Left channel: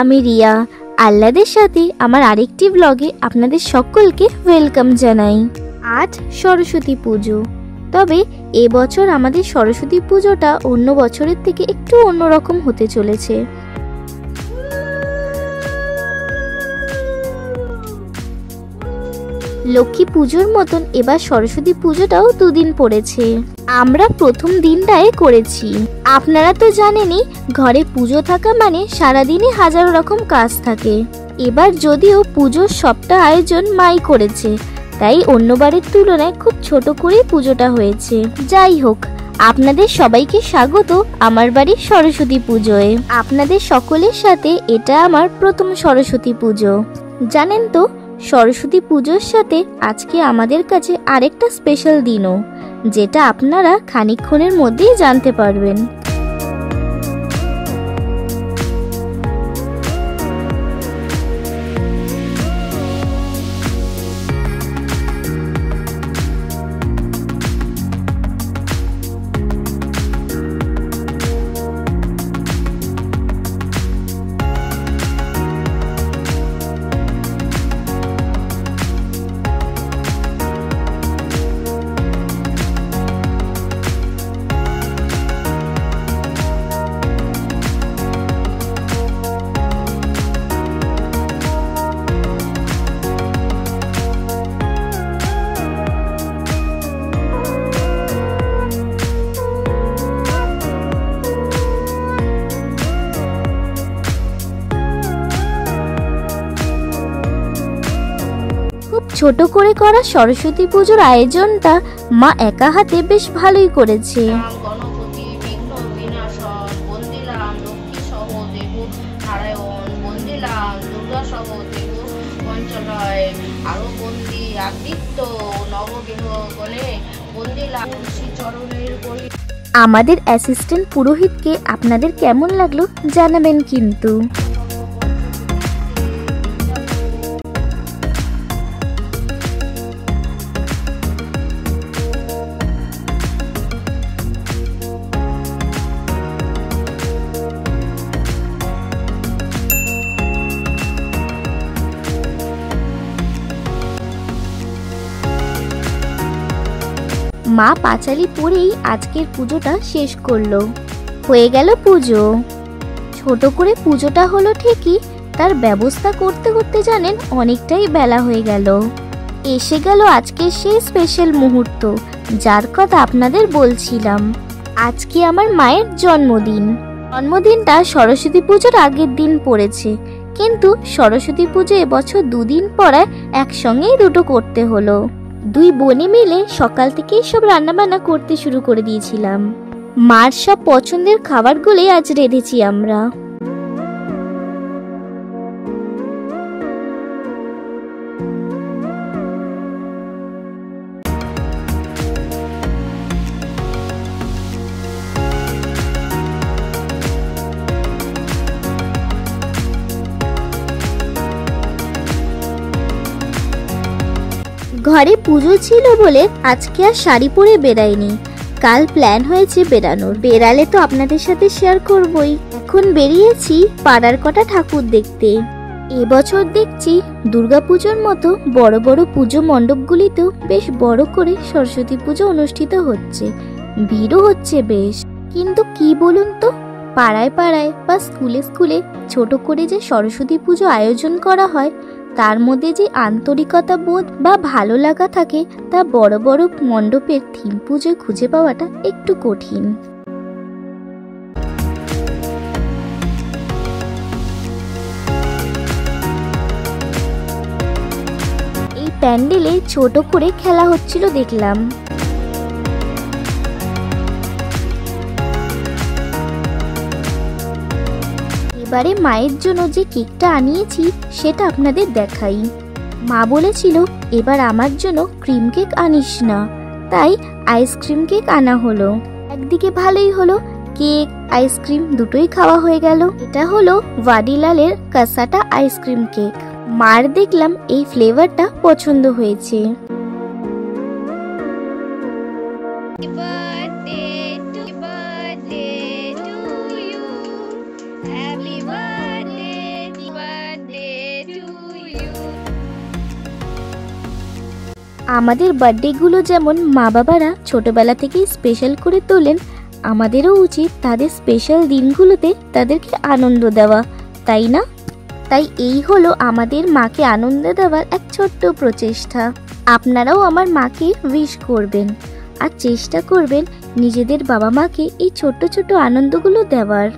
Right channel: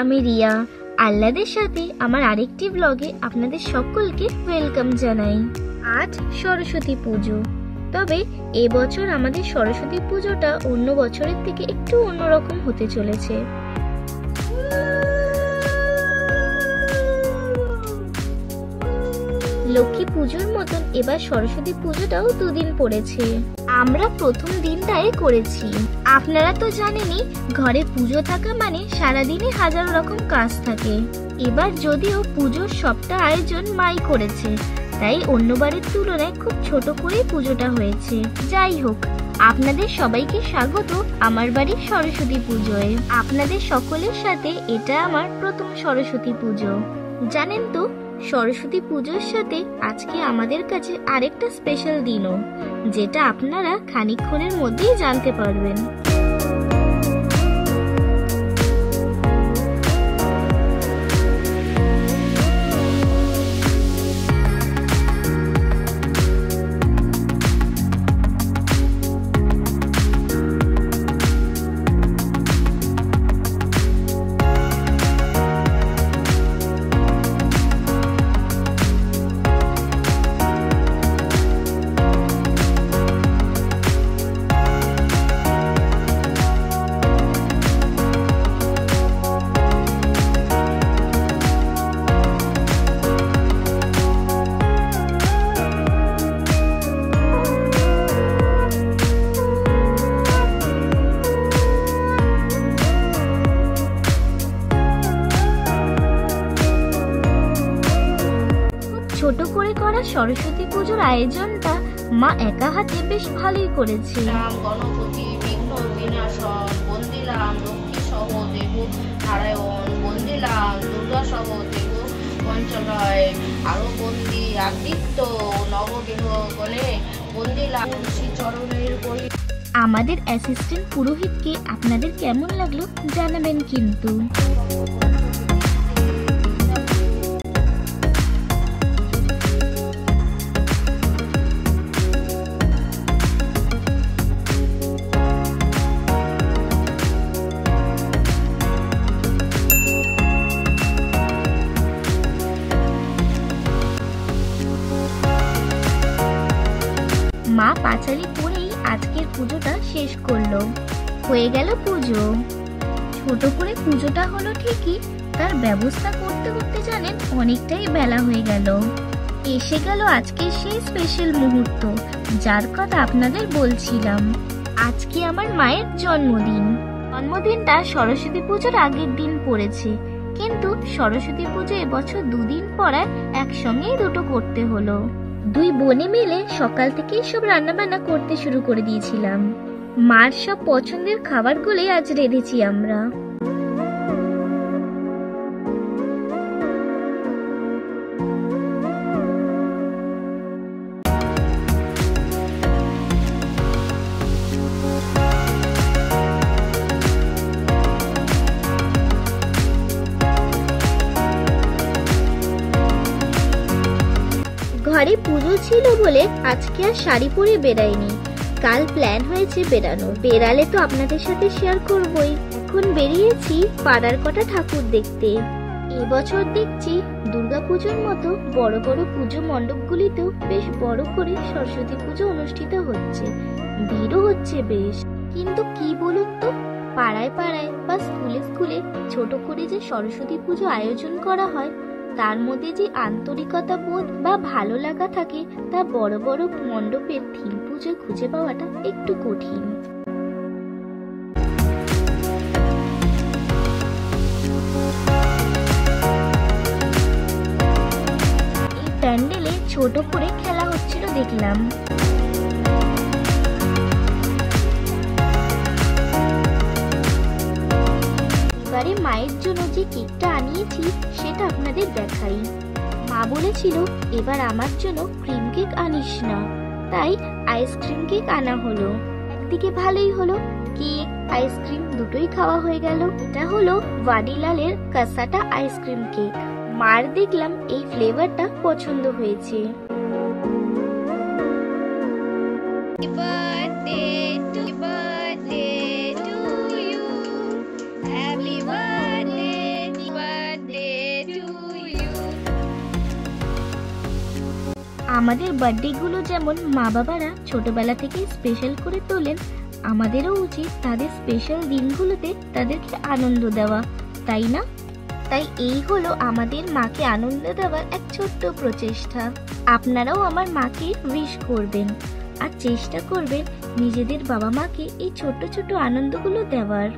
আমি রিয়া। আহ্লাদের সাথে আমার আরেকটি ব্লগে আপনাদের সকলকে ওয়েলকাম জানাই। আজ সরস্বতী পুজো, তবে এবছর আমাদের সরস্বতী পুজোটা অন্য বছরের থেকে একটু অন্যরকম হতে চলেছে। লক্ষ্মী পুজোর মতন এবার সরস্বতী পুজোটাও দুদিন পড়েছে। আমরা প্রথম দিনটায় করেছি। আপনারা তো জানেনই, ঘরে পুজো থাকা মানে সারাদিনে হাজারো রকম কাজ থাকে। এবার যদিও পুজোর সবটা আয়োজন মাই করেছে, তাই অন্যবারের তুলনায় খুব ছোট করে পুজোটা হয়েছে। যাই হোক, আপনাদের সবাইকে স্বাগত আমার বাড়ির সরস্বতী পুজোয়। আপনাদের সকলের সাথে এটা আমার প্রথম সরস্বতী পুজো। জানেন তো, সরস্বতী পুজোর সাথে আজকে আমাদের কাছে আরেকটা স্পেশাল দিনও, যেটা আপনারা খানিকক্ষণের মধ্যেই জানতে পারবেন। ছোট করে করা সরস্বতী পুজোর আয়োজনটা মা একা হাতে বেশ ভালোই করেছে। গণপতি বিঘ্ন বিনাশন, বন্দিলাম লক্ষ্মী সহ দেব নারায়ণ, বন্দিলাম দুর্গা সহ দেব পঞ্চলয়, আরো বন্দি আদিত্য নবগ্রহ গণে, বন্দিলাম শ্রী চরণের বলি। আমাদের অ্যাসিস্ট্যান্ট পুরোহিতকে আপনাদের কেমন লাগলো জানাবেন কিন্তু। মা পাঁচালি পরেই আজকের পুজোটা শেষ করলো। হয়ে গেল পুজো। ছোট করে পুজোটা হলো ঠিকই, তার ব্যবস্থা করতে করতে জানেন অনেকটাই বেলা হয়ে গেল। এসে গেল আজকের সেই স্পেশাল মুহূর্ত, যার কথা আপনাদের বলছিলাম। আজকে আমার মায়ের জন্মদিন। জন্মদিনটা সরস্বতী পুজোর আগের দিন পড়েছে, কিন্তু সরস্বতী পুজো এবছর দুদিন পড়ায় একসঙ্গেই দুটো করতে হলো। দুই বোনে মিলে সকাল থেকেই সব রান্নাবান্না করতে শুরু করে দিয়েছিলাম। মার সব পছন্দের খাবারগুলোই আজ রেঁধেছি আমরা। ঘরে পুজো ছিল বলে আজকে আর শাড়ি পরে বেরাইনি। কাল প্ল্যান হয়েছে বেরানোর। বেরালে তো আপনাদের সাথে শেয়ার করবই। এখন বেরিয়েছি পাড়ার কটা ঠাকুর দেখতে। এবছর দেখছি দুর্গাপুজোর মতো বড় বড় পুজো মণ্ডপগুলিতেও বেশ বড় করে সরস্বতী পুজো অনুষ্ঠিত হচ্ছে। ভিড়ও হচ্ছে বেশ। কিন্তু কি বলুন তো, পাড়ায় পাড়ায় বা স্কুলে স্কুলে ছোট করে যে সরস্বতী পুজো আয়োজন করা হয়, তার মধ্যে যে আন্তরিকতা বোধ বা ভালো লাগা থাকে, তা বড় বড় মণ্ডপের থিম পুজোয় খুঁজে পাওয়াটা একটু কঠিন। এই প্যান্ডেলে ছোট করে খেলা হচ্ছিল দেখলাম। এবারে মায়ের জন্য যে কেকটা আনিয়েছি সেটা আপনাদের দেখাই। মা বলেছিল এবার আমার জন্য ক্রিম কেক আনিস না, তাই আইসক্রিম কেক আনা হলো। একদিকে ভালোই হলো, কেক আইসক্রিম দুটোই খাওয়া হয়ে গেল। এটা হলো ভাডিলালের কাসাটা আইসক্রিম কেক। মার দেখলাম এই ফ্লেভারটা পছন্দ হয়েছে। আমাদের বার্থডেগুলো যেমন মা বাবারা ছোটবেলা থেকে স্পেশাল করে তোলেন, আমাদেরও উচিত তাদের স্পেশাল দিনগুলোতে তাদেরকে আনন্দ দেওয়া, তাই না? তাই এই হলো আমাদের মাকে আনন্দ দেওয়ার এক ছোট্ট প্রচেষ্টা। আপনারাও আমার মাকে উইশ করবেন আর চেষ্টা করবেন নিজেদের বাবা মাকে এই ছোট্ট ছোট্ট আনন্দগুলো দেওয়ার।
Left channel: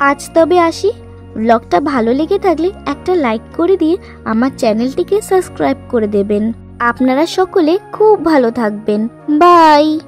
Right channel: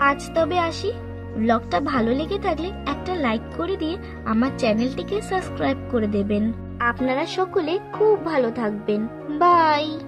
আজ তবে আসি। ব্লগটা ভালো লেগে থাকলে একটা লাইক করে দিয়ে আমার চ্যানেলটিকে সাবস্ক্রাইব করে দেবেন। আপনারা সকলে খুব ভালো থাকবেন। বাই।